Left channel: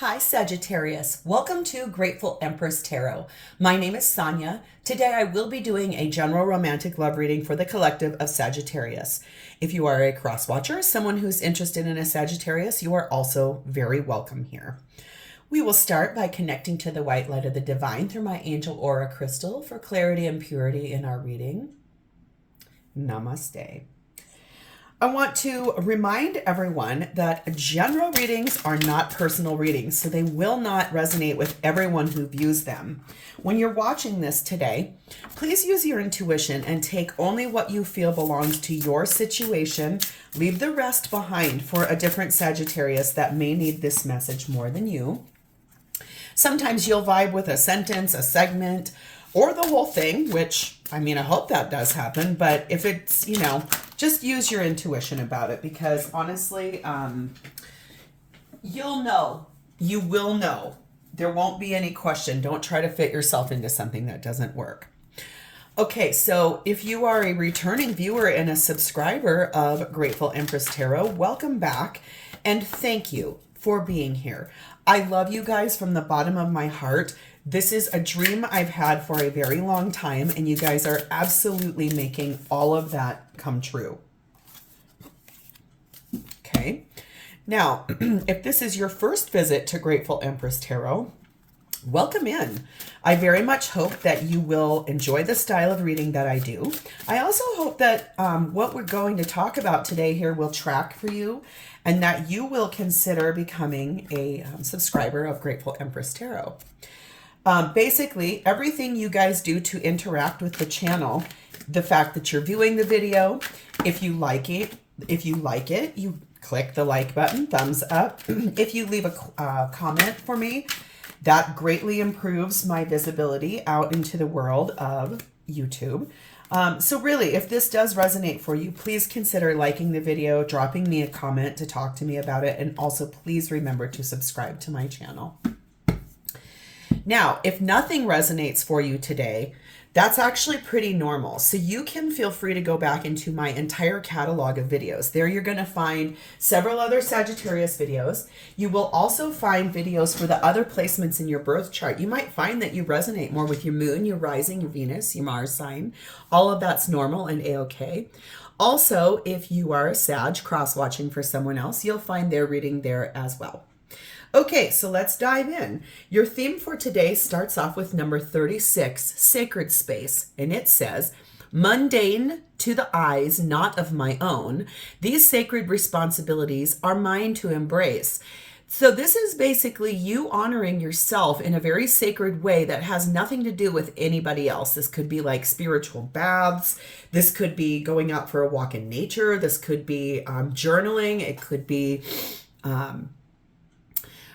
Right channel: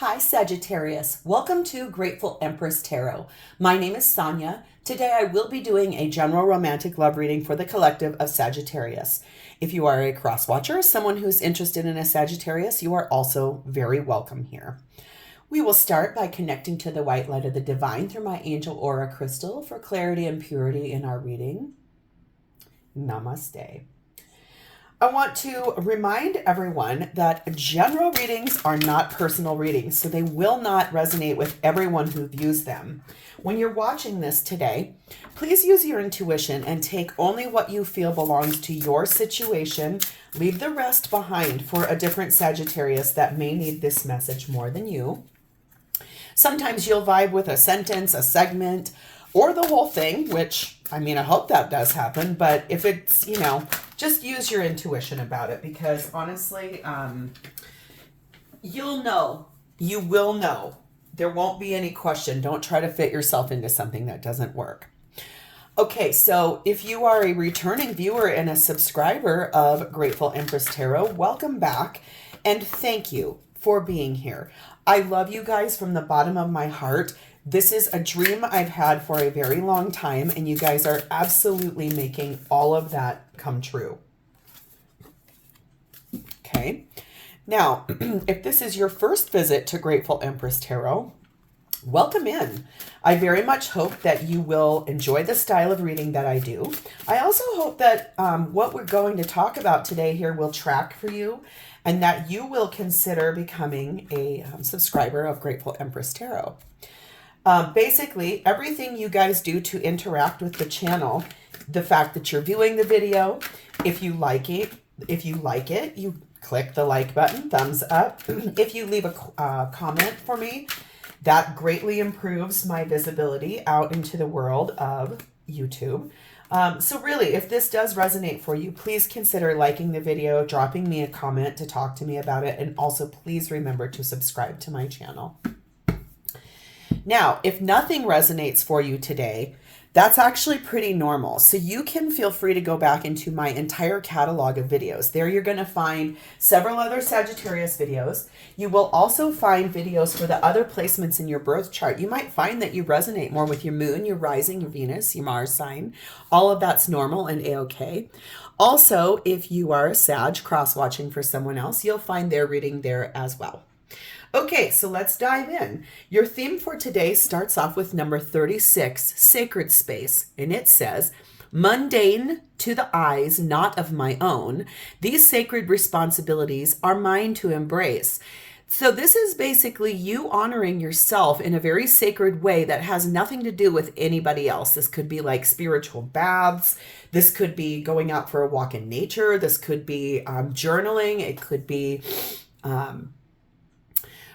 Hi Sagittarius, welcome to Grateful Empress Tarot. My name is Sonia. Today I will be doing a general romantic love reading for the collective of Sagittarius. If you are a cross watcher, someone who's interested in a Sagittarius, you are also very welcome here. We will start by connecting to the white light of the divine through my angel aura crystal for clarity and purity in our reading. Namaste. I want to remind everyone that general readings are not personal readings, so they will not resonate with everyone who views them. When you're watching this today, please use your intuition and take only what you feel belongs to your situation. Leave the rest behind for a different Sagittarius that may need this message more than you. Sometimes you'll vibe with a sentence, a segment, or the whole thing, which, I mean, I hope that does happen. But if it's, just use your intuition about it, because honestly, you'll know. You will know. There won't be any question. Don't try to fit yourself into something that doesn't work. Okay, so if you are a returning viewer and a subscriber of Grateful Empress Tarot, welcome back and thank you for being here. I love you guys from the bottom of my heart. This is a dream I've had for a very long time, and you guys are absolutely making all of that come true. Okay, now, if this is your first visit to Grateful Empress Tarot, welcome in. I very much hope that you will enjoy the style of reading that I do. I also hope that what we're going to talk about today here will track for you, and that you will consider becoming a subscriber of Grateful Empress Tarot. Basically, everything you guys do to interact with the channel, the fact that you're viewing the video, if you like it, you click the like button, thumbs up. If you leave a comment for me, that greatly improves my visibility out into the world of YouTube. So really, if this does resonate for you, please consider liking the video, dropping me a comment to talk to me about it, and also please remember to subscribe to my channel. Now, if nothing resonates for you today, that's actually pretty normal. So you can feel free to go back into my entire catalog of videos. There you're going to find several other Sagittarius videos. You will also find videos for the other placements in your birth chart. You might find that you resonate more with your moon, your rising, your Venus, your Mars sign. All of that's normal and a-okay. Also, if you are a Sag cross-watching for someone else, you'll find their reading there as well. Okay, so let's dive in. Your theme for today starts off with number 36, Sacred Space, and it says, mundane to the eyes, not of my own. These sacred responsibilities are mine to embrace. So this is basically you honoring yourself in a very sacred way that has nothing to do with anybody else. This could be like spiritual baths. This could be going out for a walk in nature. This could be journaling. It could be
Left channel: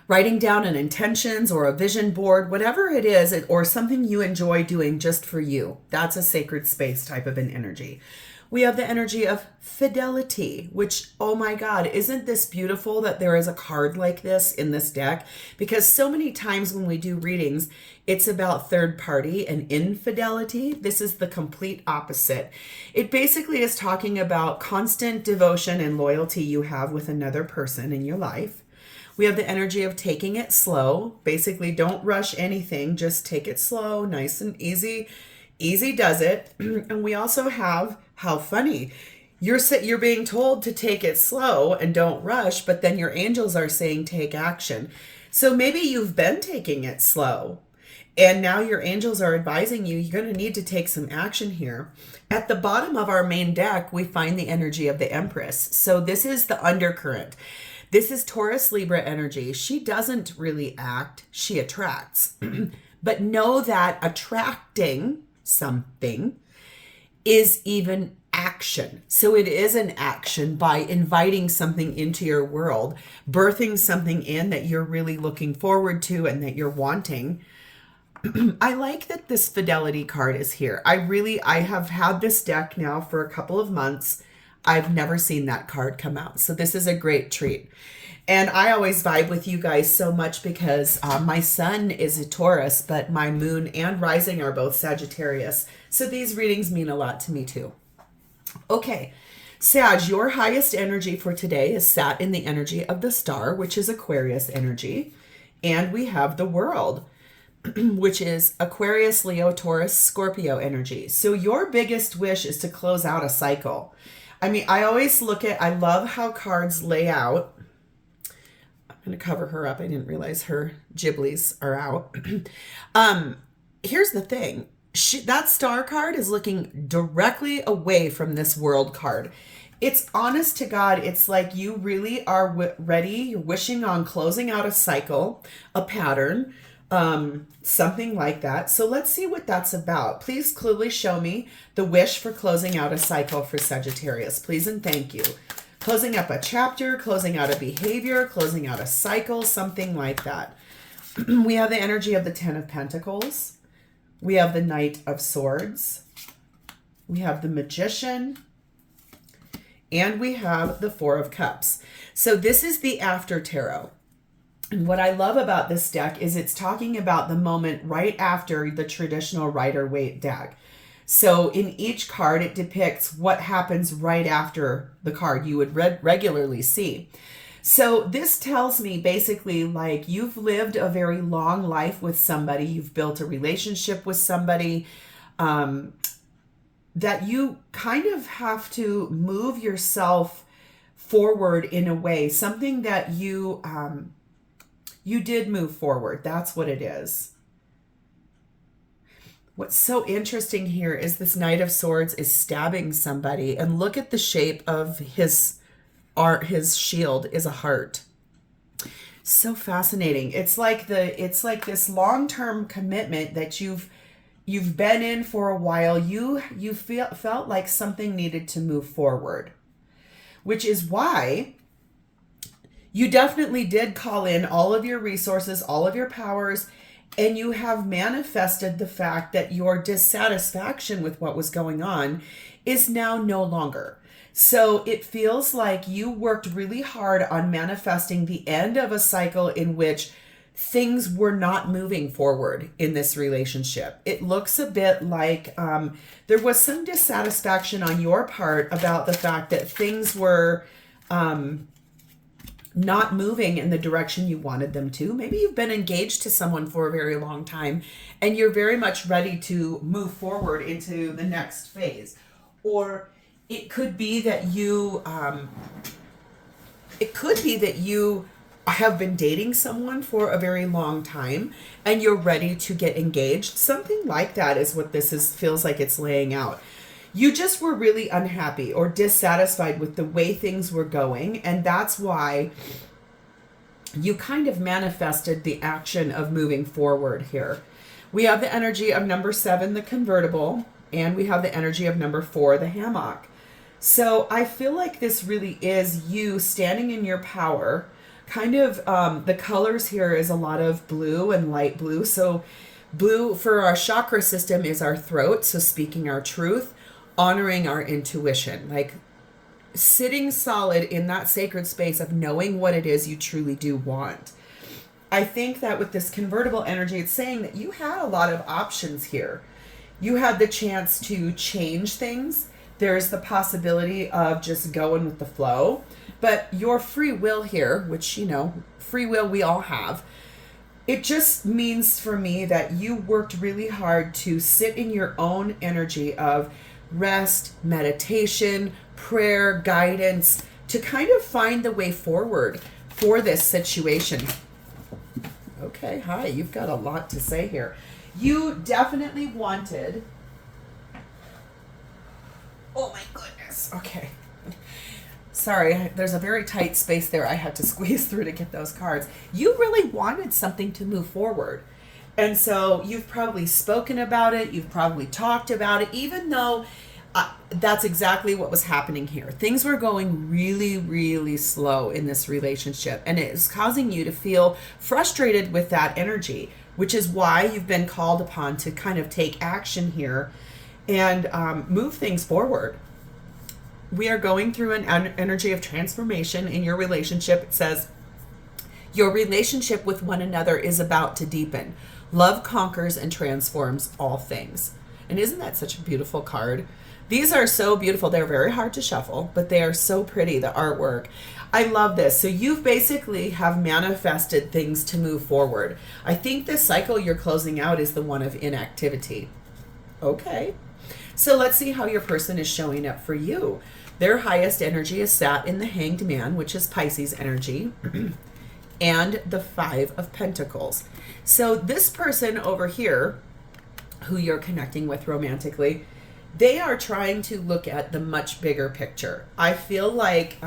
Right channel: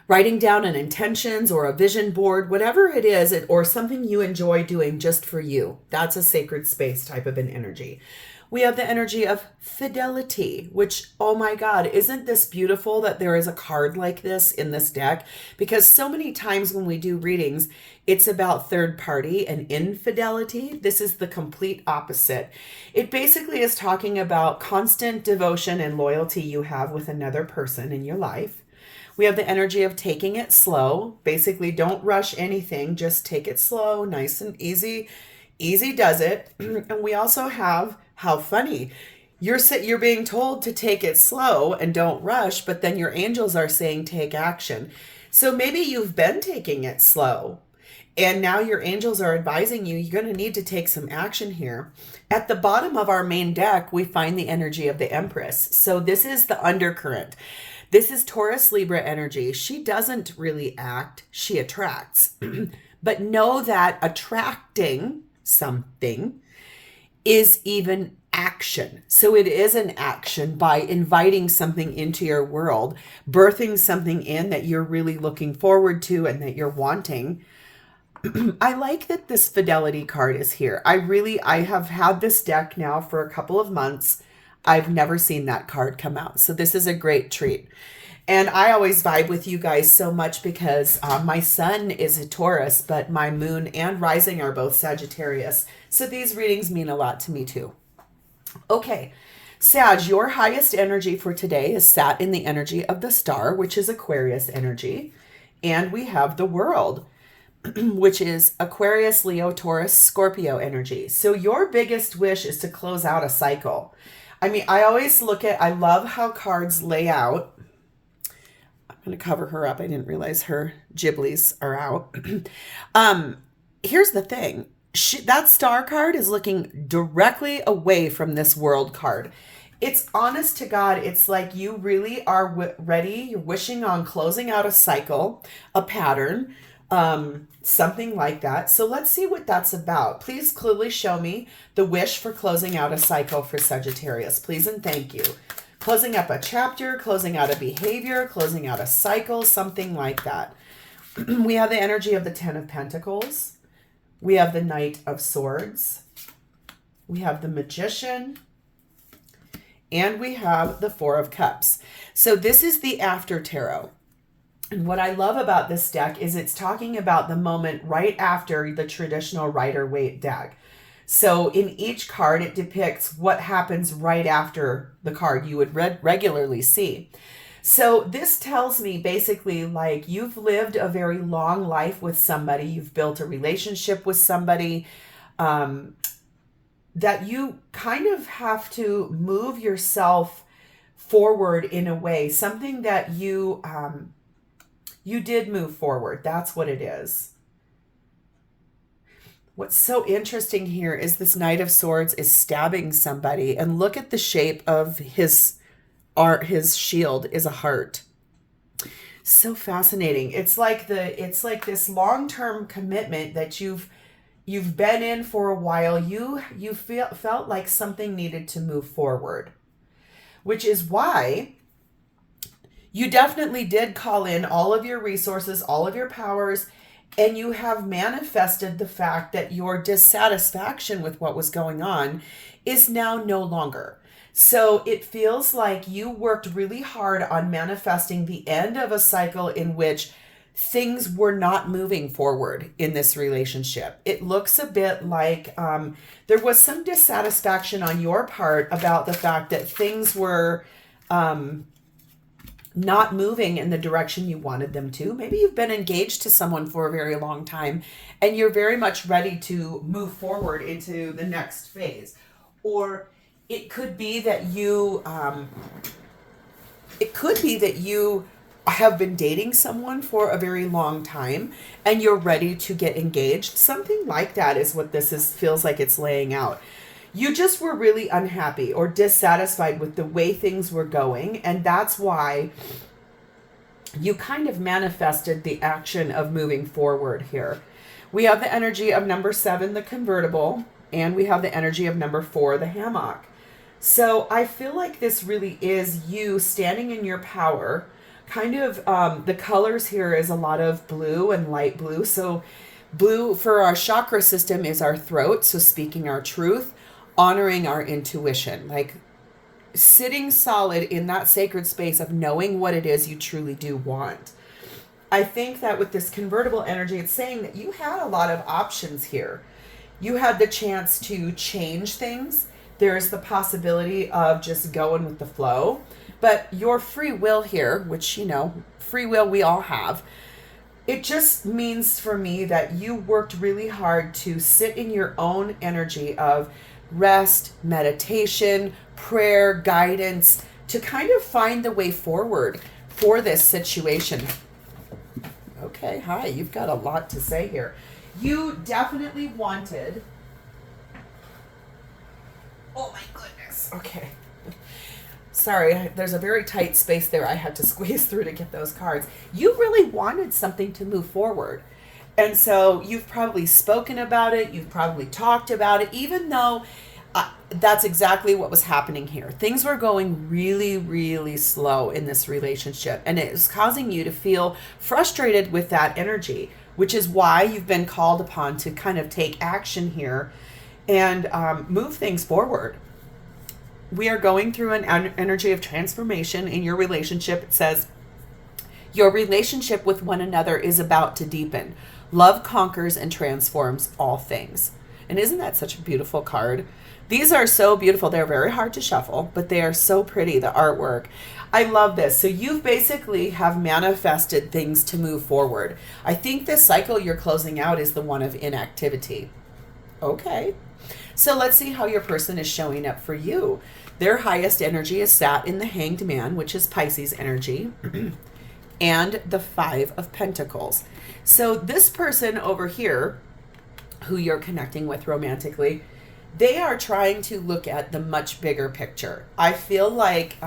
writing down an intentions or a vision board, whatever it is, or something you enjoy doing just for you. That's a sacred space type of an energy. We have the energy of fidelity, which, oh my God, isn't this beautiful that there is a card like this in this deck? Because so many times when we do readings, it's about third party and infidelity. This is the complete opposite. It basically is talking about constant devotion and loyalty you have with another person in your life. We have the energy of taking it slow. Basically, don't rush anything. Just take it slow, nice and easy. Easy does it. And we also have, how funny, you're being told to take it slow and don't rush, but then your angels are saying take action. So maybe you've been taking it slow, and now your angels are advising you, you're going to need to take some action here. At the bottom of our main deck, we find the energy of the Empress. So this is the undercurrent. This is Taurus Libra energy. She doesn't really act, she attracts. But know that attracting something is even action. So it is an action by inviting something into your world, birthing something in that you're really looking forward to and that you're wanting. I like that this fidelity card is here. I have had this deck now for a couple of months. I've never seen that card come out. So this is a great treat. And I always vibe with you guys so much because my sun is a Taurus, but my moon and rising are both Sagittarius. So these readings mean a lot to me too. Okay, Sag, your highest energy for today is sat in the energy of the star, which is Aquarius energy. And we have the World, which is Aquarius, Leo, Taurus, Scorpio energy. So your biggest wish is to close out a cycle. I mean, I always I love how cards lay out. I'm going to cover her up. I didn't realize her giblies are out. Here's the thing. That star card is looking directly away from this World card. It's honest to God. It's like you really are ready. You're wishing on closing out a cycle, a pattern, something like that. So let's see what that's about. Please clearly show me the wish for closing out a cycle for Sagittarius. Please and thank you. Closing up a chapter, closing out a behavior, closing out a cycle, something like that. We have the energy of the Ten of Pentacles. We have the Knight of Swords. We have the Magician. And we have the Four of Cups. So this is the After Tarot. And what I love about this deck is it's talking about the moment right after the traditional Rider-Waite deck. So in each card, it depicts what happens right after the card you would regularly see. So this tells me basically like you've lived a very long life with somebody. You've built a relationship with somebody that you kind of have to move yourself forward in a way. Something that you did move forward. That's what it is. What's so interesting here is this Knight of Swords is stabbing somebody, and look at the shape of his shield is a heart. So fascinating. It's like this long-term commitment that you've been in for a while. You felt like something needed to move forward, which is why you definitely did call in all of your resources, all of your powers, and you have manifested the fact that your dissatisfaction with what was going on is now no longer. So it feels like you worked really hard on manifesting the end of a cycle in which things were not moving forward in this relationship. It looks a bit like there was some dissatisfaction on your part about the fact that things were not moving in the direction you wanted them to. Maybe you've been engaged to someone for a very long time and you're very much ready to move forward into the next phase. Or it could be that you have been dating someone for a very long time and you're ready to get engaged. Something like that is what feels like it's laying out. You just were really unhappy or dissatisfied with the way things were going, and that's why you kind of manifested the action of moving forward here. We have the energy of number 7, the convertible, and we have the energy of number 4, the hammock. So I feel like this really is you standing in your power. Kind of the colors here is a lot of blue and light blue. So blue for our chakra system is our throat, so speaking our truth, honoring our intuition, like sitting solid in that sacred space of knowing what it is you truly do want. I think that with this convertible energy, it's saying that you had a lot of options here. You had the chance to change things. There's the possibility of just going with the flow, but your free will here, which, free will we all have, it just means for me that you worked really hard to sit in your own energy of rest, meditation, prayer, guidance, to kind of find the way forward for this situation. Okay, hi, you've got a lot to say here. You definitely wanted... Oh my goodness. Okay. Sorry, there's a very tight space there I had to squeeze through to get those cards. You really wanted something to move forward. And so you've probably spoken about it. You've probably talked about it, even though that's exactly what was happening here. Things were going really, really slow in this relationship. And it is causing you to feel frustrated with that energy, which is why you've been called upon to kind of take action here and move things forward. We are going through an energy of transformation in your relationship. It says, your relationship with one another is about to deepen. Love conquers and transforms all things. And isn't that such a beautiful card? These are so beautiful. They're very hard to shuffle, but they are so pretty, the artwork. I love this. So you've basically have manifested things to move forward. I think this cycle you're closing out is the one of inactivity. Okay. So let's see how your person is showing up for you. Their highest energy is sat in the Hanged Man, which is Pisces energy, and the Five of Pentacles. So this person over here, who you're connecting with romantically, they are trying to look at the much bigger picture. I feel like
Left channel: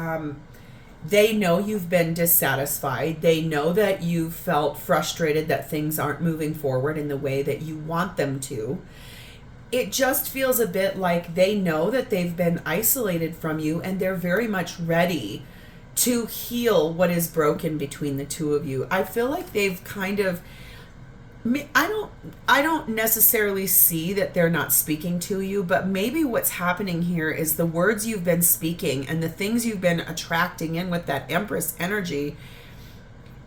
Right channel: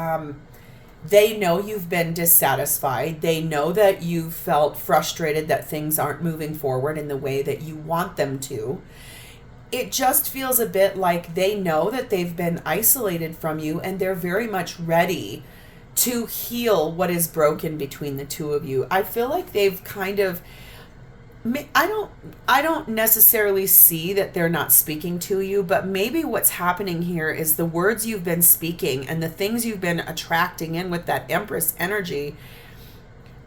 they know you've been dissatisfied. They know that you felt frustrated that things aren't moving forward in the way that you want them to. It just feels a bit like they know that they've been isolated from you, and they're very much ready to heal what is broken between the two of you. I feel like they've kind of, I don't necessarily see that they're not speaking to you, but maybe what's happening here is the words you've been speaking and the things you've been attracting in with that Empress energy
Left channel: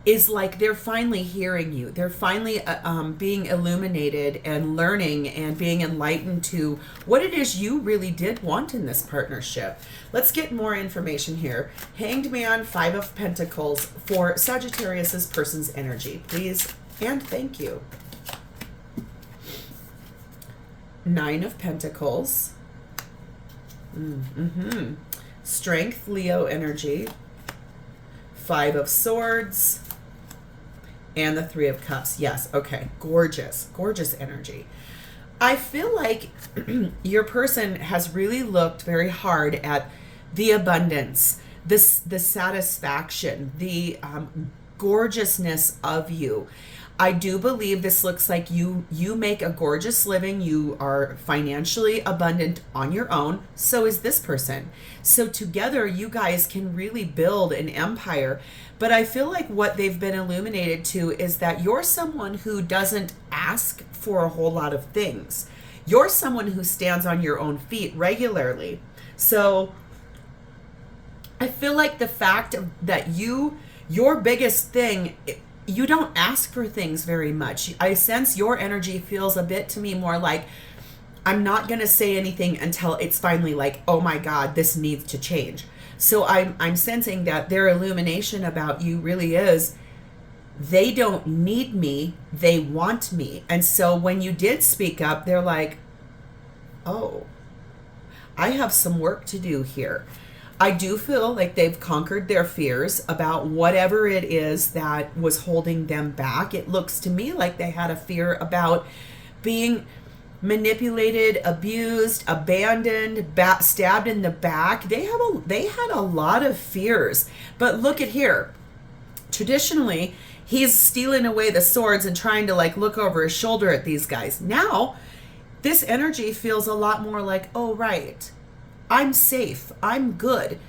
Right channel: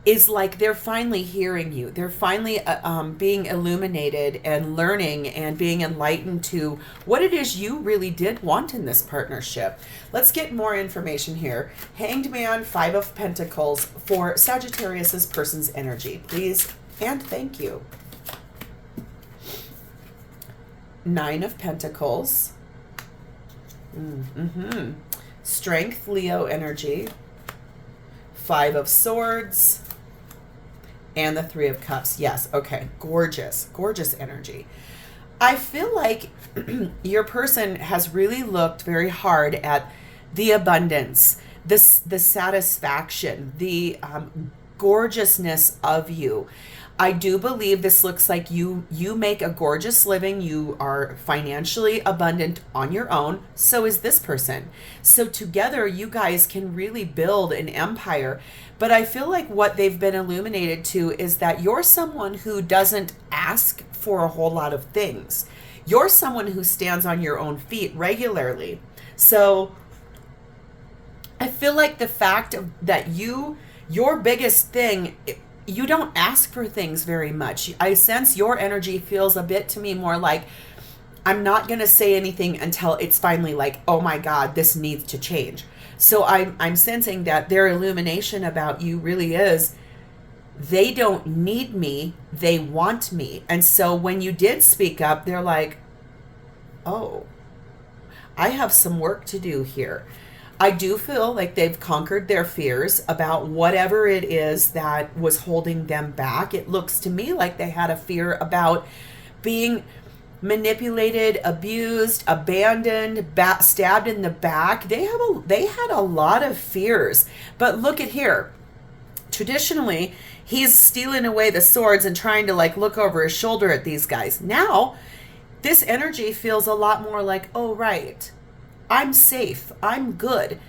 is like they're finally hearing you. They're finally being illuminated and learning and being enlightened to what it is you really did want in this partnership. Let's get more information here. Hanged Man, Five of Pentacles for Sagittarius's person's energy, please. And thank you. Nine of Pentacles. Strength, Leo energy. Five of Swords. And the Three of Cups. Yes, okay. Gorgeous, gorgeous energy. I feel like your person has really looked very hard at the abundance, the satisfaction, the gorgeousness of you. I do believe this looks like you make a gorgeous living. You are financially abundant on your own. So is this person. So together you guys can really build an empire. But I feel like what they've been illuminated to is that you're someone who doesn't ask for a whole lot of things. You're someone who stands on your own feet regularly. So I feel like the fact that your biggest thing, you don't ask for things very much. I sense your energy feels a bit to me more like, I'm not going to say anything until it's finally like, oh my God, this needs to change. So I'm sensing that their illumination about you really is, they don't need me, they want me. And so when you did speak up, they're like, oh, I have some work to do here. I do feel like they've conquered their fears about whatever it is that was holding them back. It looks to me like they had a fear about being manipulated, abused, abandoned, stabbed in the back. They had a lot of fears. But look at here. Traditionally, he's stealing away the swords and trying to like look over his shoulder at these guys. Now, this energy feels a lot more like, oh, right, I'm safe. I'm good.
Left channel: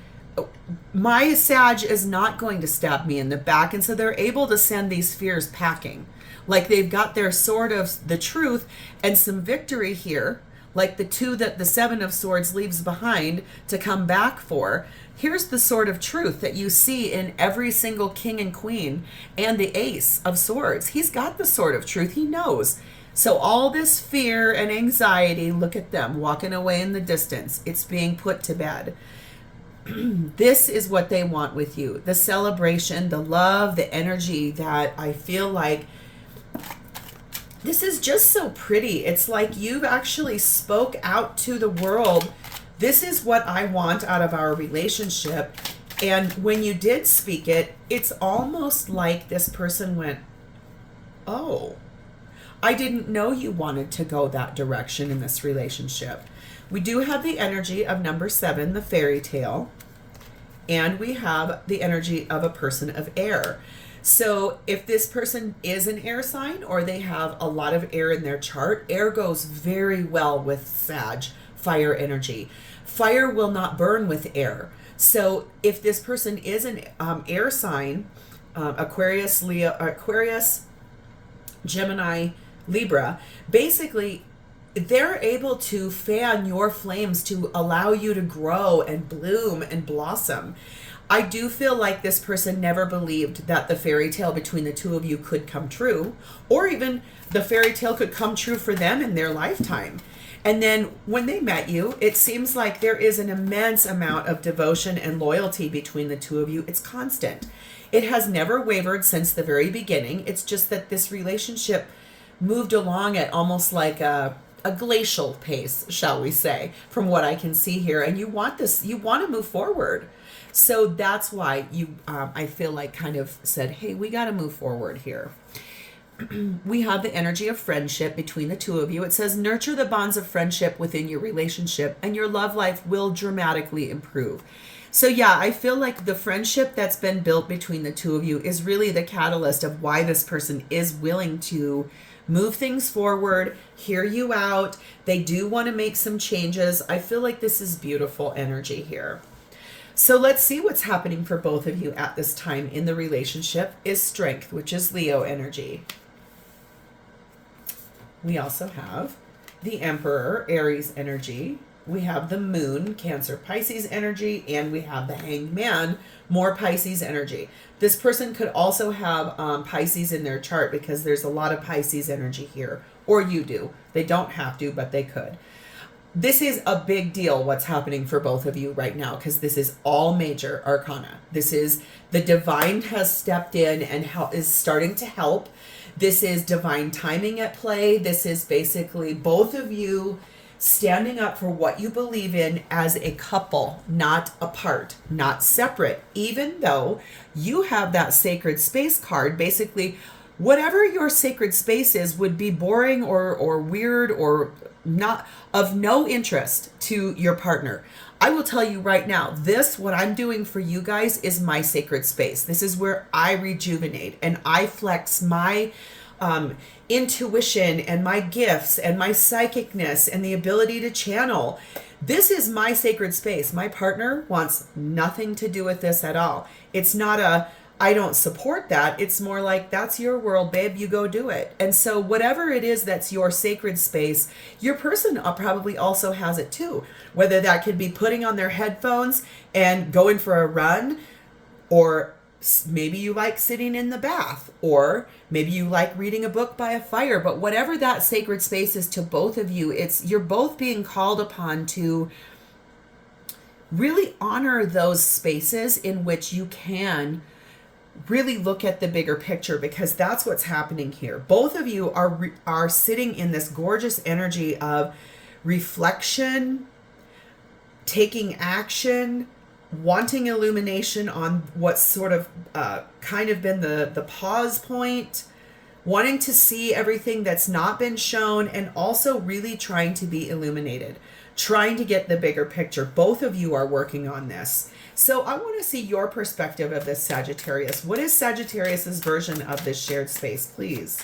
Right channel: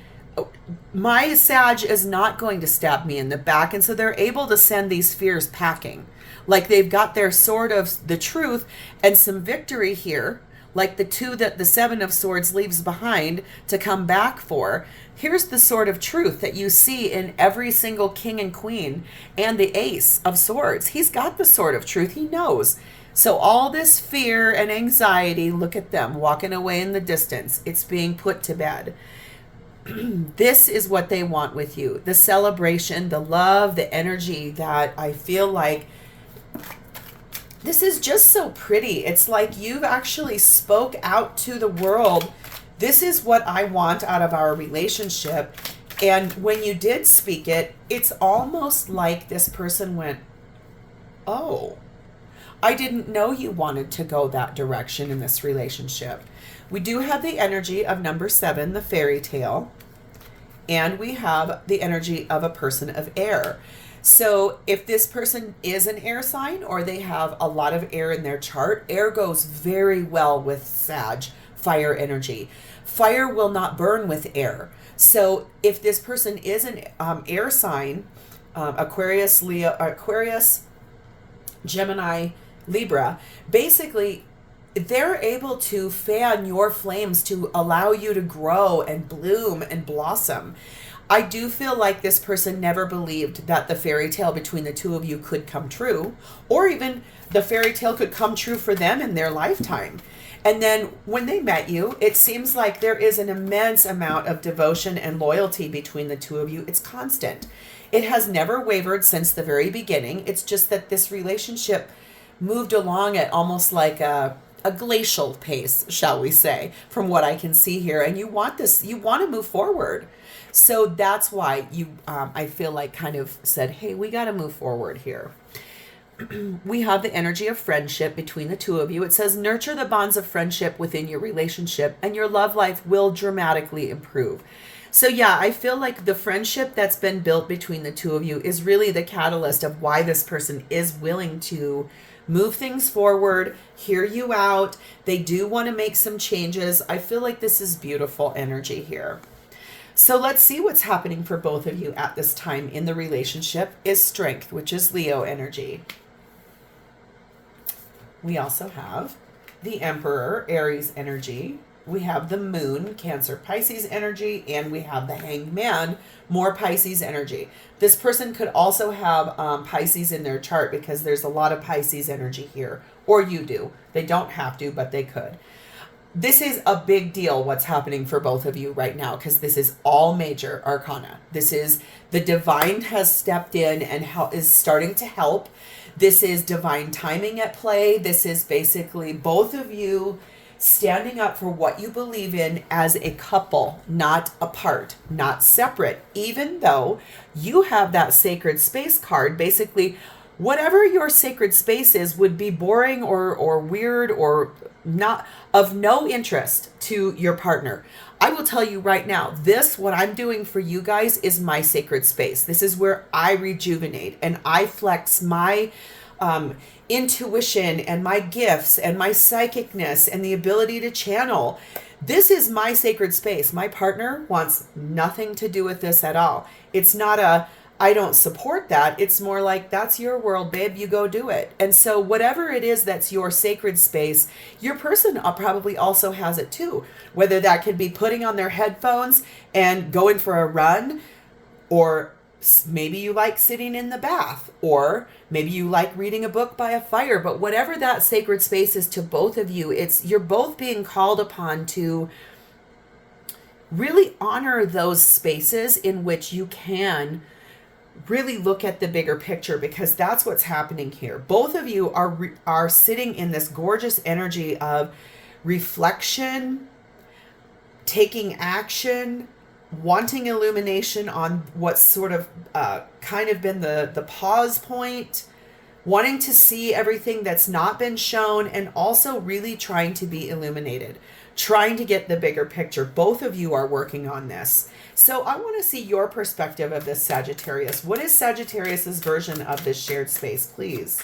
My Sag is not going to stab me in the back. And so they're able to send these fears packing. Like they've got their sword of the truth and some victory here, like the two that the Seven of Swords leaves behind to come back for. Here's the sword of truth that you see in every single king and queen and the Ace of Swords. He's got the sword of truth. He knows. So all this fear and anxiety, look at them walking away in the distance. It's being put to bed. This is what they want with you. The celebration, the love, the energy that I feel like this is just so pretty. It's like you've actually spoke out to the world. This is what I want out of our relationship. And when you did speak it, it's almost like this person went, oh, I didn't know you wanted to go that direction in this relationship. We do have the energy of number 7, the fairy tale. And we have the energy of a person of air. So if this person is an air sign or they have a lot of air in their chart, air goes very well with Sag, fire energy. Fire will not burn with air. So if this person is an air sign, Aquarius, Leo, Aquarius, Gemini, Libra, basically they're able to fan your flames to allow you to grow and bloom and blossom. I do feel like this person never believed that the fairy tale between the two of you could come true, or even the fairy tale could come true for them in their lifetime. And then when they met you, it seems like there is an immense amount of devotion and loyalty between the two of you. It's constant. It has never wavered since the very beginning. It's just that this relationship moved along at almost like a glacial pace, shall we say, from what I can see here. And you want to move forward. So that's why I feel like kind of said, hey, we got to move forward here. We have the energy of friendship between the two of you. It says, nurture the bonds of friendship within your relationship and your love life will dramatically improve. So yeah, I feel like the friendship that's been built between the two of you is really the catalyst of why this person is willing to move things forward, hear you out. They do want to make some changes. I feel like this is beautiful energy here. So let's see what's happening for both of you at this time in the relationship is strength, which is Leo energy. We also have the Emperor, Aries energy. We have the Moon, Cancer, Pisces energy, and we have the Hanged Man, more Pisces energy. This person could also have Pisces in their chart because there's a lot of Pisces energy here, or you do. They don't have to, but they could. This is a big deal what's happening for both of you right now because this is all major arcana. This is the divine has stepped in and is starting to help. This is divine timing at play. This is basically both of you standing up for what you believe in as a couple, not apart, not separate, even though you have that sacred space card. Basically, whatever your sacred space is would be boring or weird or not of no interest to your partner. I will tell you right now, what I'm doing for you guys is my sacred space. This is where I rejuvenate and I flex my intuition and my gifts and my psychicness and the ability to channel. This is my sacred space. My partner wants nothing to do with this at all. It's not I don't support that. It's more like, that's your world, babe. You go do it. And so whatever it is that's your sacred space, your person probably also has it too. Whether that could be putting on their headphones and going for a run, or maybe you like sitting in the bath, or maybe you like reading a book by a fire. But whatever that sacred space is to both of you, you're both being called upon to really honor those spaces in which you can really look at the bigger picture, because that's what's happening here. Both of you are sitting in this gorgeous energy of reflection, taking action, wanting illumination on what's sort of kind of been the pause point, wanting to see everything that's not been shown, and also really trying to be illuminated, trying to get the bigger picture. Both of you are working on this. So I want to see your perspective of this, Sagittarius. What is Sagittarius's version of this shared space, please?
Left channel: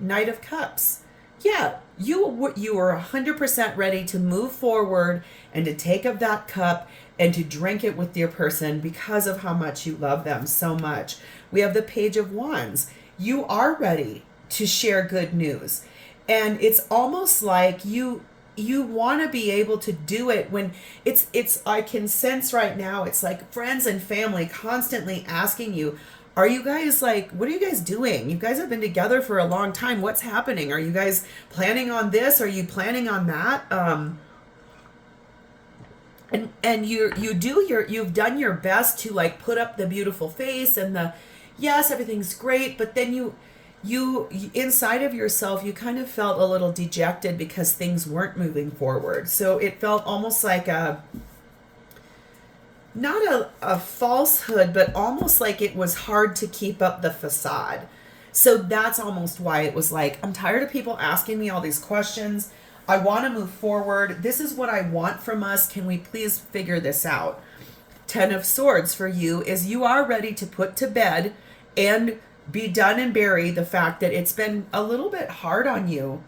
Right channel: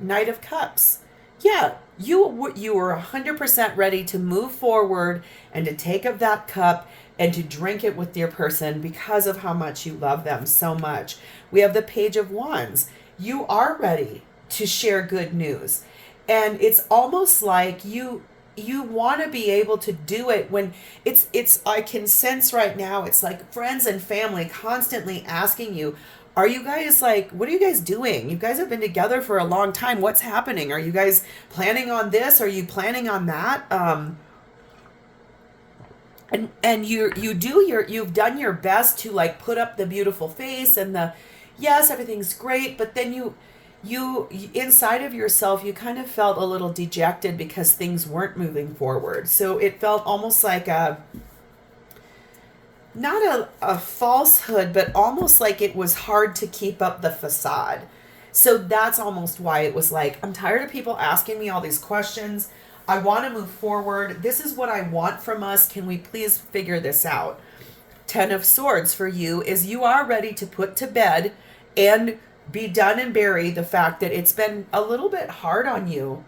Knight of Cups. Yeah, you were 100% ready to move forward and to take up that cup and to drink it with your person because of how much you love them so much. We have the Page of Wands. You are ready to share good news. And it's almost like you want to be able to do it when it's I can sense right now, it's like friends and family constantly asking you, are you guys like, what are you guys doing? You guys have been together for a long time. What's happening? Are you guys planning on this? Are you planning on that? And you've done your best to like put up the beautiful face and yes, everything's great, but then you inside of yourself, you kind of felt a little dejected because things weren't moving forward. So it felt almost like not a falsehood, but almost like it was hard to keep up the facade. So that's almost why it was like, I'm tired of people asking me all these questions. I want to move forward. This is what I want from us. Can we please figure this out? 10 of Swords for you is you are ready to put to bed and be done and bury the fact that it's been a little bit hard on you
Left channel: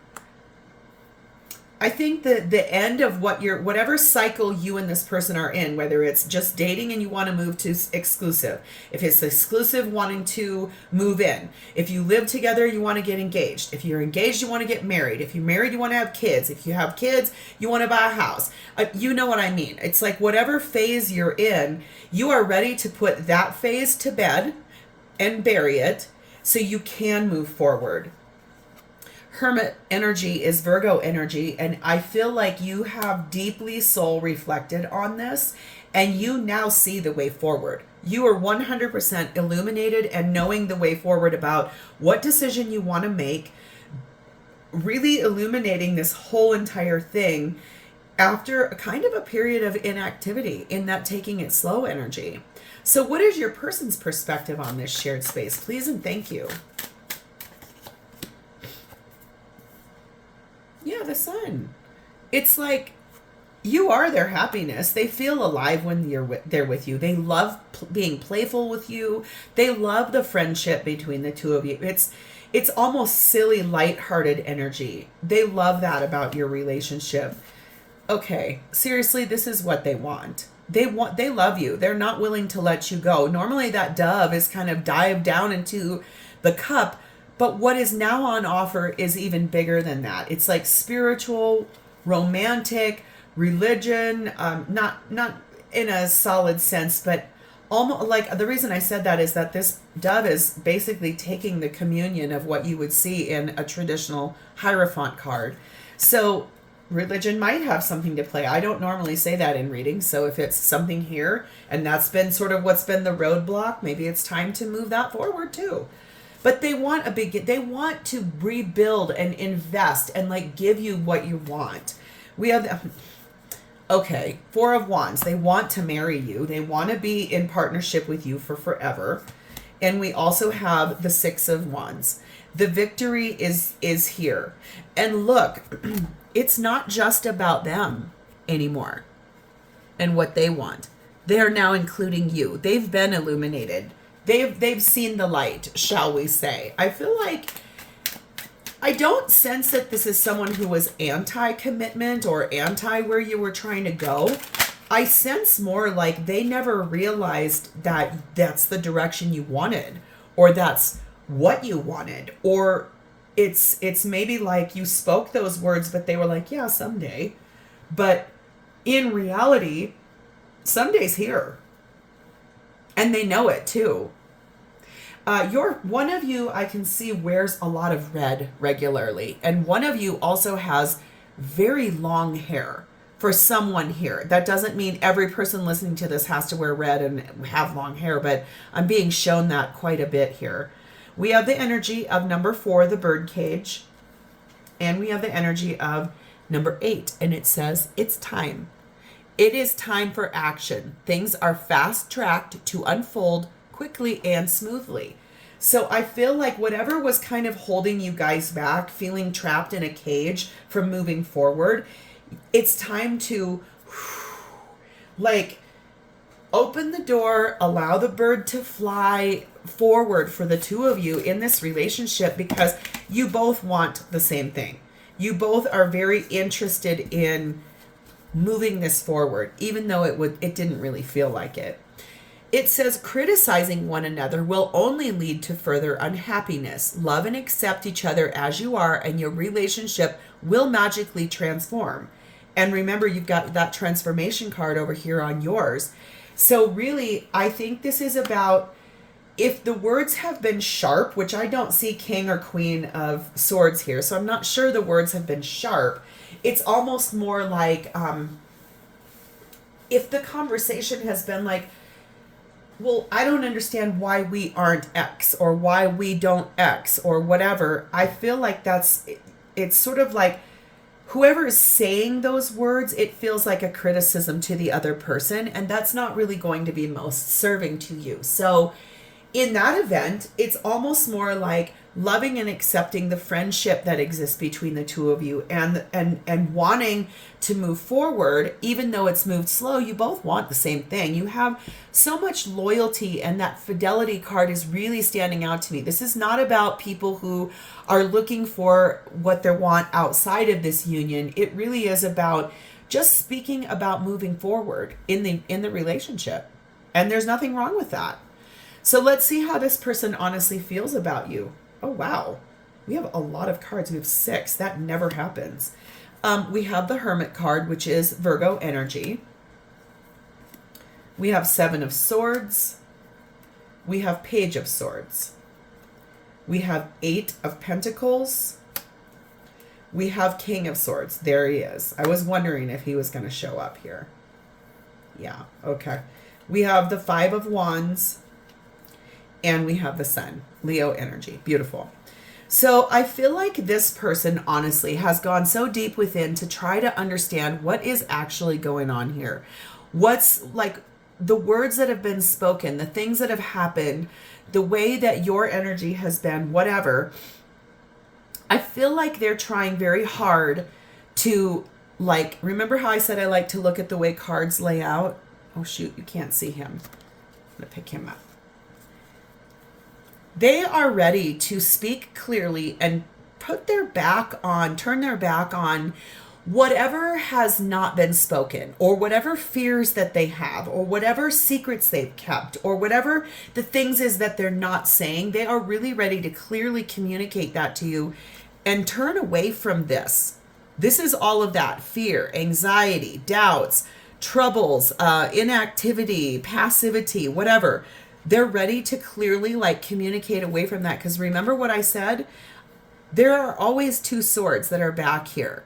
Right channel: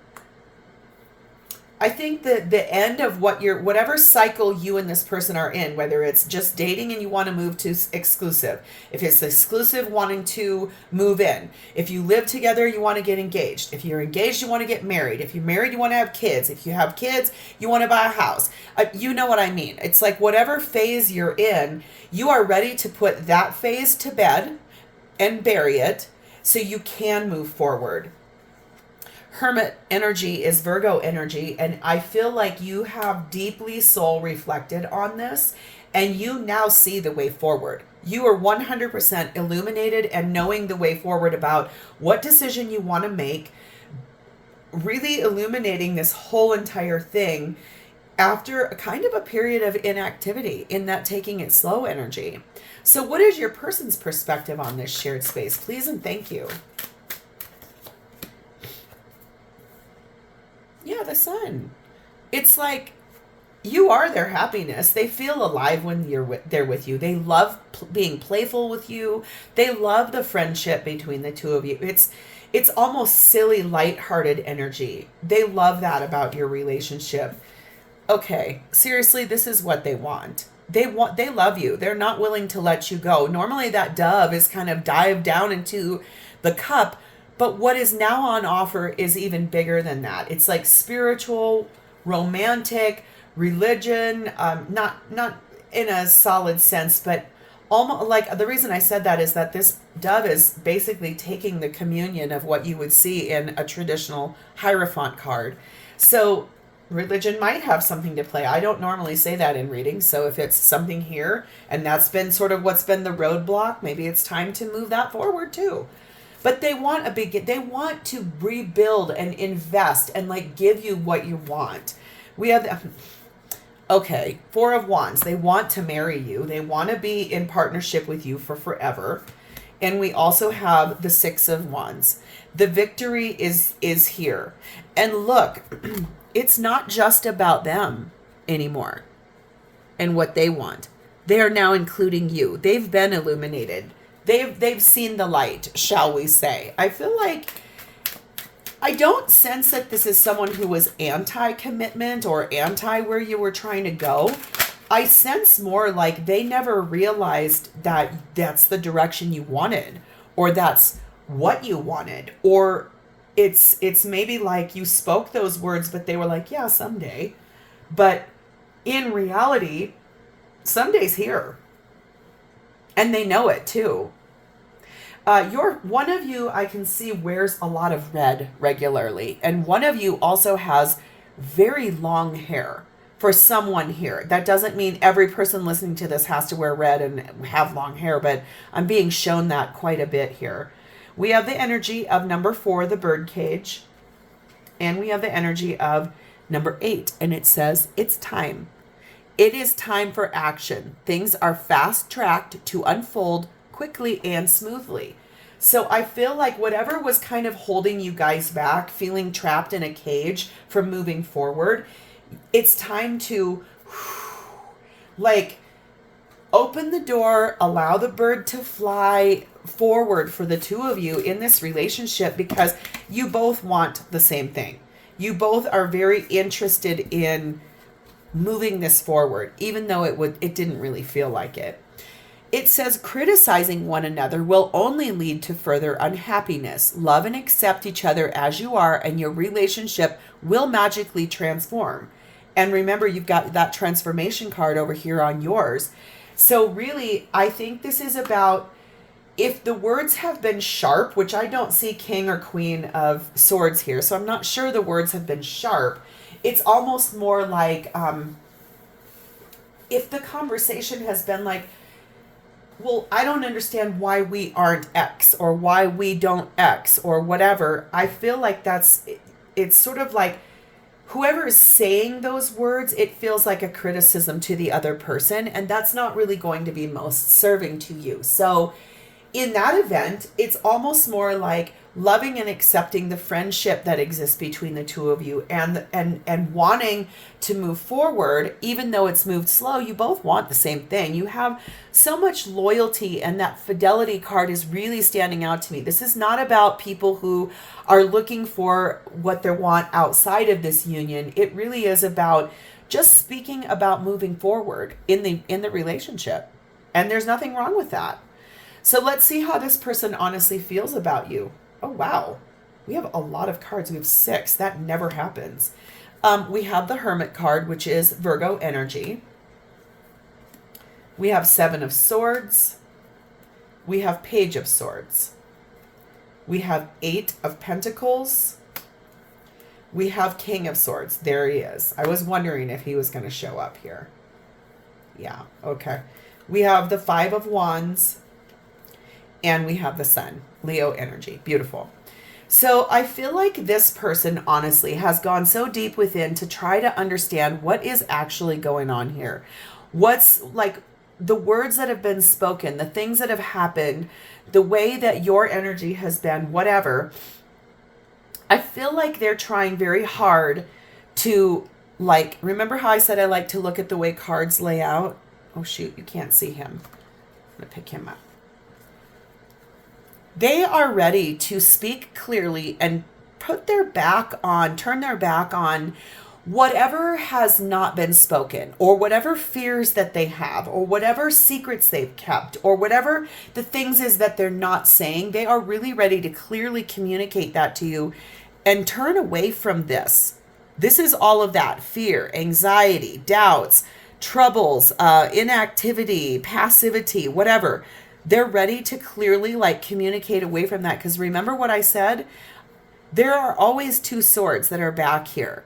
I think that the end of whatever cycle you and this person are in, whether it's just dating and you want to move to exclusive, if it's exclusive, wanting to move in, if you live together, you want to get engaged, if you're engaged, you want to get married, if you're married, you want to have kids, if you have kids, you want to buy a house. You know what I mean? It's like whatever phase you're in, you are ready to put that phase to bed and bury it so you can move forward. Hermit energy is Virgo energy, and I feel like you have deeply soul reflected on this, and you now see the way forward. You are 100% illuminated and knowing the way forward about what decision you want to make, really illuminating this whole entire thing after a kind of a period of inactivity in that taking it slow energy. So what is your person's perspective on this shared space? Please and thank you. Yeah, the sun. It's like you are their happiness. They feel alive when they're with you. They love being playful with you. They love the friendship between the two of you. It's almost silly, lighthearted energy. They love that about your relationship. Okay, seriously, this is what they want. They love you. They're not willing to let you go. Normally that dove is kind of dived down into the cup. But what is now on offer is even bigger than that. It's like spiritual, romantic, religion, not in a solid sense, but almost like the reason I said that is that this dove is basically taking the communion of what you would see in a traditional Hierophant card. So religion might have something to play. I don't normally say that in readings. So if it's something here and that's been sort of what's been the roadblock, maybe it's time to move that forward too. But they want they want to rebuild and invest and like give you what you want. We have, okay, Four of Wands. They want to marry you. They want to be in partnership with you for forever. And we also have the Six of Wands. The victory is here. And look, it's not just about them anymore and what they want. They are now including you. They've been illuminated. They've seen the light, shall we say. I feel like I don't sense that this is someone who was anti-commitment or anti where you were trying to go. I sense more like they never realized that that's the direction you wanted, or that's what you wanted, or it's maybe like you spoke those words, but they were like, yeah, someday. But in reality, someday's here. And they know it too. One of you I can see wears a lot of red regularly, and one of you also has very long hair. For someone here, that doesn't mean every person listening to this has to wear red and have long hair, but I'm being shown that quite a bit here. We have the energy of number 4, the birdcage, and we have the energy of number 8, and it says it's time. It is time for action. Things are fast-tracked to unfold quickly and smoothly. So I feel like whatever was kind of holding you guys back, feeling trapped in a cage from moving forward, it's time to like open the door, allow the bird to fly forward for the two of you in this relationship, because you both want the same thing. You both are very interested in moving this forward, even though it didn't really feel like it. It says criticizing one another will only lead to further unhappiness. Love and accept each other as you are, and your relationship will magically transform. And remember, you've got that transformation card over here on yours. So really, I think this is about, if the words have been sharp, which I don't see King or Queen of Swords here, so I'm not sure the words have been sharp. It's almost more like, if the conversation has been like, well, I don't understand why we aren't X, or why we don't X, or whatever. I feel like it's sort of like whoever is saying those words, it feels like a criticism to the other person, and that's not really going to be most serving to you. So in that event, it's almost more like loving and accepting the friendship that exists between the two of you, and wanting to move forward. Even though it's moved slow, you both want the same thing. You have so much loyalty, and that fidelity card is really standing out to me. This is not about people who are looking for what they want outside of this union. It really is about just speaking about moving forward in the relationship. And there's nothing wrong with that. So let's see how this person honestly feels about you. Oh, wow. We have a lot of cards. We have 6. That never happens. We have the Hermit card, which is Virgo energy. We have 7 of Swords. We have Page of Swords. We have 8 of Pentacles. We have King of Swords. There he is. I was wondering if he was going to show up here. Yeah, okay. We have the 5 of Wands. And we have the Sun, Leo energy. Beautiful. So I feel like this person honestly has gone so deep within to try to understand what is actually going on here. What's like the words that have been spoken, the things that have happened, the way that your energy has been, whatever. I feel like they're trying very hard to, like, remember how I said I like to look at the way cards lay out? Oh shoot, you can't see him. I'm going to pick him up. They are ready to speak clearly and turn their back on whatever has not been spoken, or whatever fears that they have, or whatever secrets they've kept, or whatever the things is that they're not saying. They are really ready to clearly communicate that to you and turn away from this. This is all of that fear, anxiety, doubts, troubles, inactivity, passivity, whatever. They're ready to clearly like communicate away from that. Because remember what I said? There are always 2 swords that are back here.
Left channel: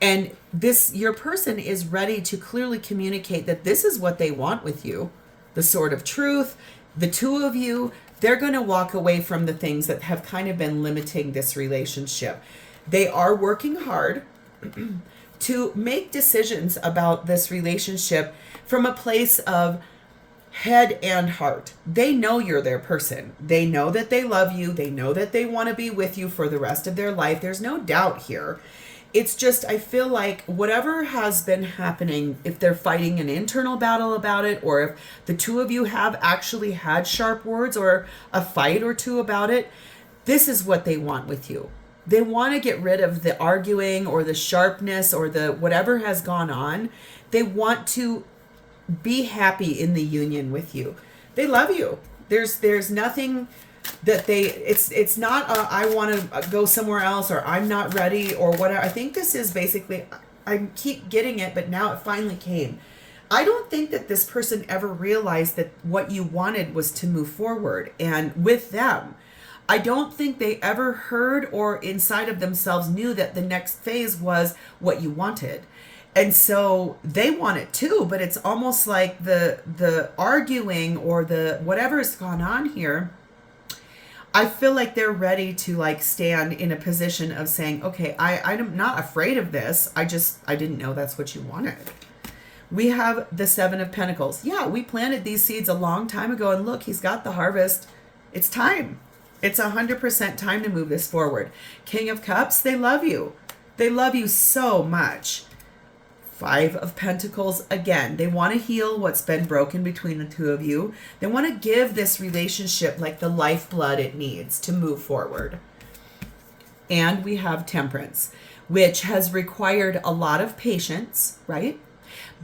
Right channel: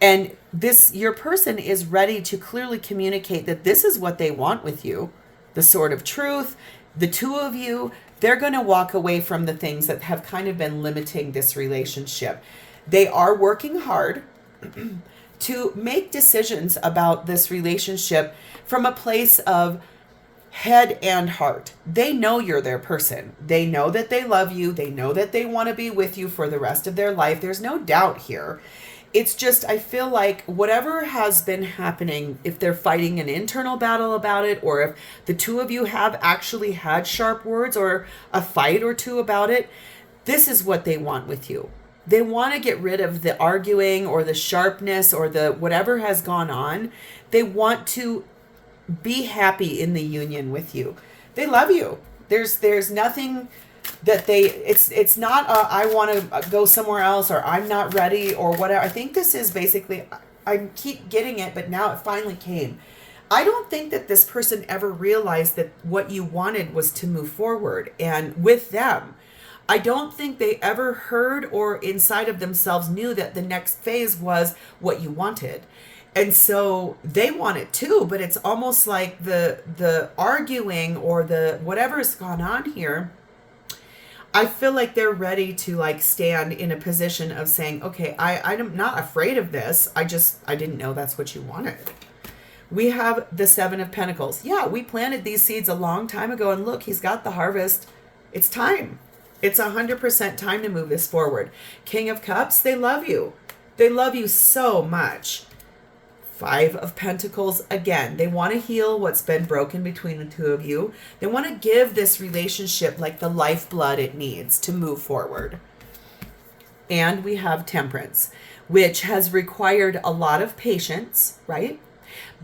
And your person is ready to clearly communicate that this is what they want with you. The sword of truth, the 2 of you, they're going to walk away from the things that have kind of been limiting this relationship. They are working hard to make decisions about this relationship from a place of head and heart. They know you're their person. They know that they love you. They know that they want to be with you for the rest of their life. There's no doubt here. It's just, I feel like whatever has been happening, if they're fighting an internal battle about it, or if the 2 of you have actually had sharp words or a fight or 2 about it, this is what they want with you. They want to get rid of the arguing or the sharpness or the whatever has gone on. They want to be happy in the union with you. They love you. There's nothing that it's not I want to go somewhere else, or I'm not ready, or whatever. I think this is basically, I keep getting it, but now it finally came. I don't think that this person ever realized that what you wanted was to move forward and with them. I don't think they ever heard or inside of themselves knew that the next phase was what you wanted. And so they want it too, but it's almost like the arguing or the whatever has gone on here. I feel like they're ready to like stand in a position of saying, okay, I'm not afraid of this. I didn't know that's what you wanted. We have the 7 of Pentacles. Yeah, we planted these seeds a long time ago, and look, he's got the harvest. It's time. It's 100% time to move this forward. King of Cups, they love you. They love you so much. 5 of Pentacles, again, they want to heal what's been broken between the 2 of you. They want to give this relationship like the lifeblood it needs to move forward. And we have Temperance, which has required a lot of patience, right?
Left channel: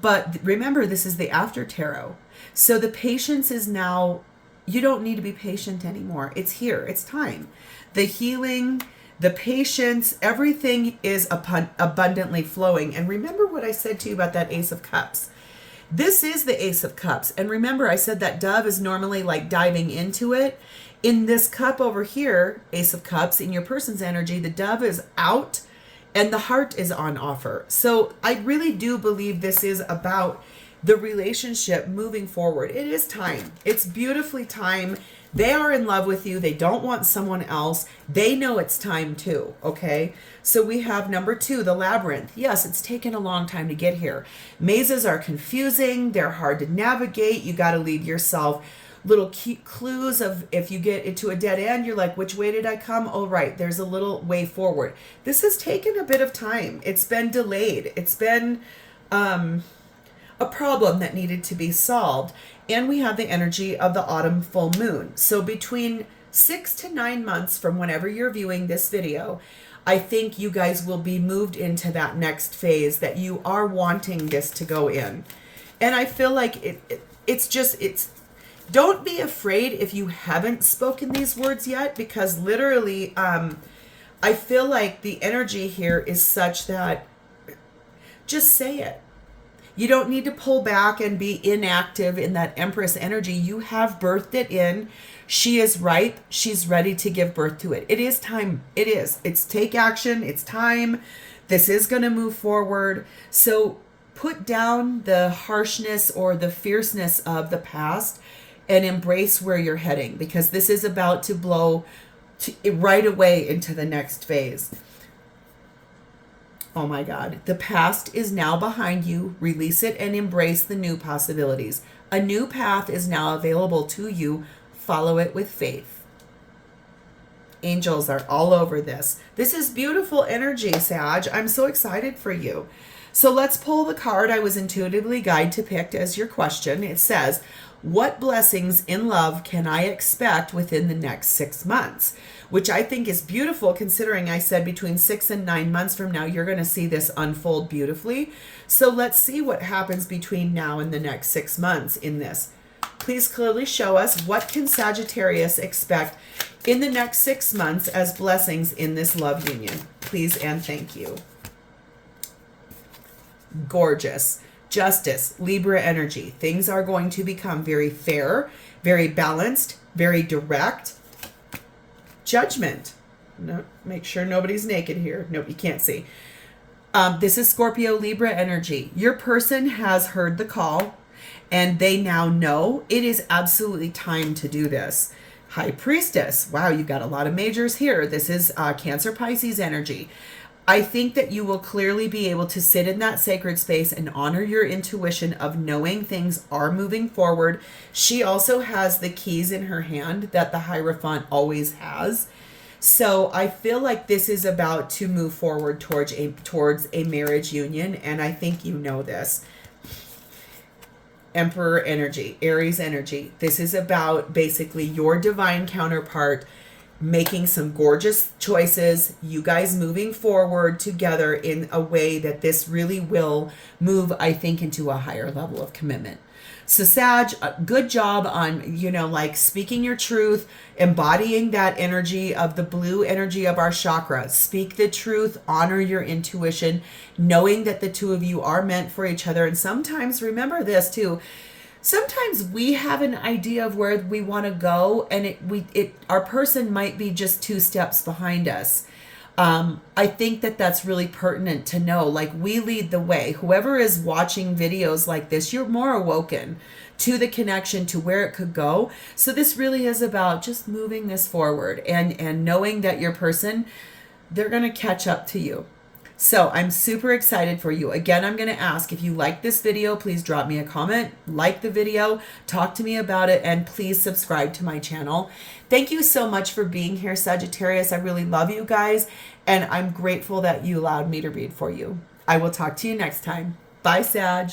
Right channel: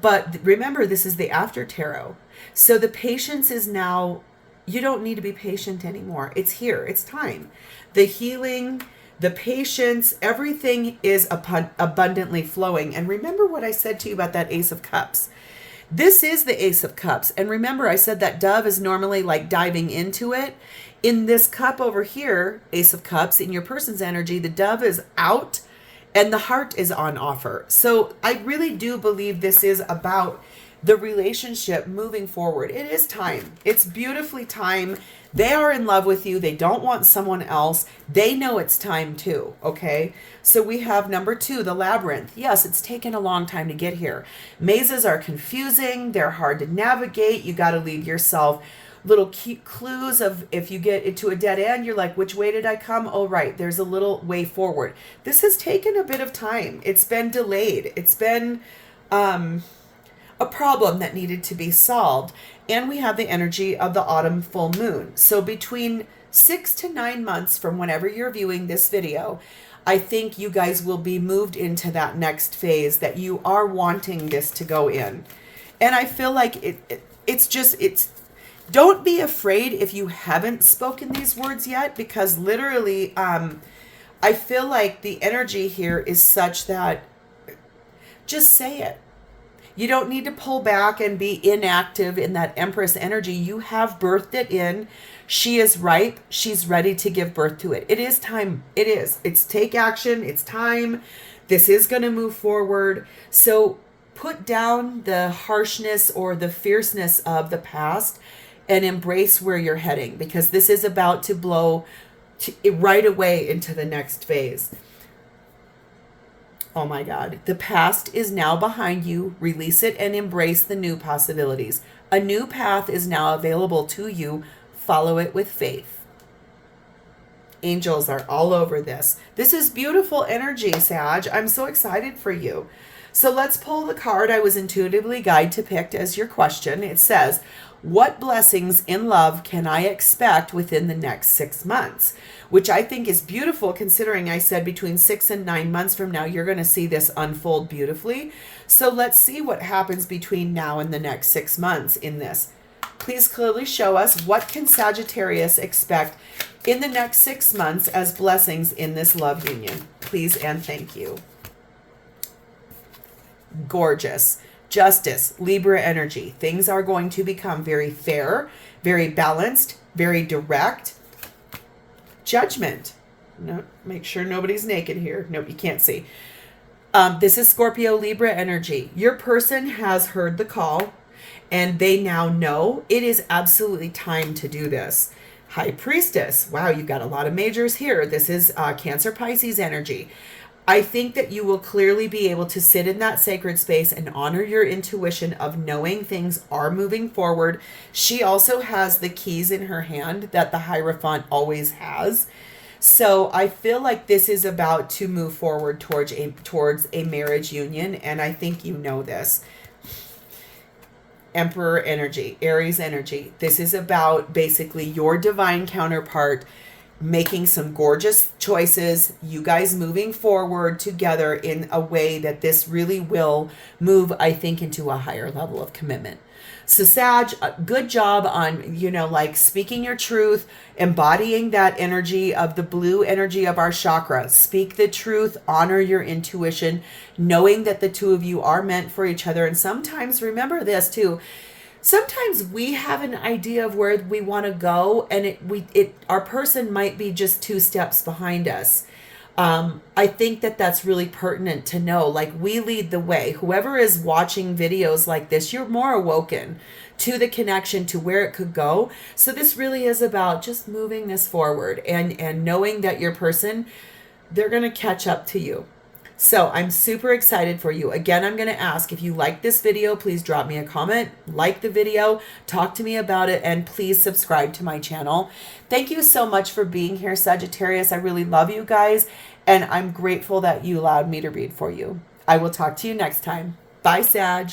But remember, this is the after tarot. So the patience is now, you don't need to be patient anymore. It's here. It's time. The healing, the patience, everything is abundantly flowing. And remember what I said to you about that Ace of Cups. This is the Ace of Cups. And remember, I said that dove is normally like diving into it. In this cup over here, Ace of Cups, in your person's energy, the dove is out and the heart is on offer. So I really do believe this is about the relationship moving forward. It is time. It's beautifully time. They are in love with you. They don't want someone else. They know it's time too, okay? So we have number 2, the Labyrinth. Yes, it's taken a long time to get here. Mazes are confusing. They're hard to navigate. You got to leave yourself little key clues of if you get into a dead end, you're like, which way did I come? Oh, right. There's a little way forward. This has taken a bit of time. It's been delayed. It's been a problem that needed to be solved. And we have the energy of the autumn full moon. So between 6 to 9 months from whenever you're viewing this video, I think you guys will be moved into that next phase that you are wanting this to go in. And I feel like it's don't be afraid if you haven't spoken these words yet, because literally, I feel like the energy here is such that just say it. You don't need to pull back and be inactive in that Empress energy. You have birthed it in. She is ripe. She's ready to give birth to it. It is time. It is. It's take action. It's time. This is going to move forward. So put down the harshness or the fierceness of the past and embrace where you're heading, because this is about to blow right away into the next phase. Oh my God. The past is now behind you. Release it and embrace the new possibilities. A new path is now available to you. Follow it with faith. Angels are all over this. This is beautiful energy, Sag. I'm so excited for you. So let's pull the card I was intuitively guided to pick as your question. It says, what blessings in love can I expect within the next 6 months? Which I think is beautiful, considering I said between 6 and 9 months from now, you're going to see this unfold beautifully. So let's see what happens between now and the next 6 months in this. Please clearly show us, what can Sagittarius expect in the next 6 months as blessings in this love union? Please and thank you. Gorgeous. Justice, Libra energy. Things are going to become very fair, very balanced, very direct. Judgment. No, make sure nobody's naked here. Nope, you can't see. This is Scorpio, Libra energy. Your person has heard the call and they now know it is absolutely time to do this. High Priestess. Wow, you got a lot of majors here. This is Cancer, Pisces energy. I think that you will clearly be able to sit in that sacred space and honor your intuition of knowing things are moving forward. She also has the keys in her hand that the Hierophant always has. So I feel like this is about to move forward towards a marriage union, and I think you know this. Emperor energy, Aries energy. This is about basically your divine counterpart making some gorgeous choices, you guys moving forward together in a way that this really will move, I think, into a higher level of commitment. So Sag, good job on, like speaking your truth, embodying that energy of the blue energy of our chakra. Speak the truth, honor your intuition, knowing that the two of you are meant for each other. And sometimes, remember this too, sometimes we have an idea of where we want to go, and our person might be just 2 steps behind us. I think that that's really pertinent to know. Like, we lead the way. Whoever is watching videos like this, you're more awoken to the connection to where it could go. So this really is about just moving this forward and knowing that your person, they're going to catch up to you. So I'm super excited for you. Again, I'm going to ask, if you like this video, please drop me a comment, like the video, talk to me about it, and please subscribe to my channel. Thank you so much for being here, Sagittarius. I really love you guys, and I'm grateful that you allowed me to read for you. I will talk to you next time. Bye, Sag.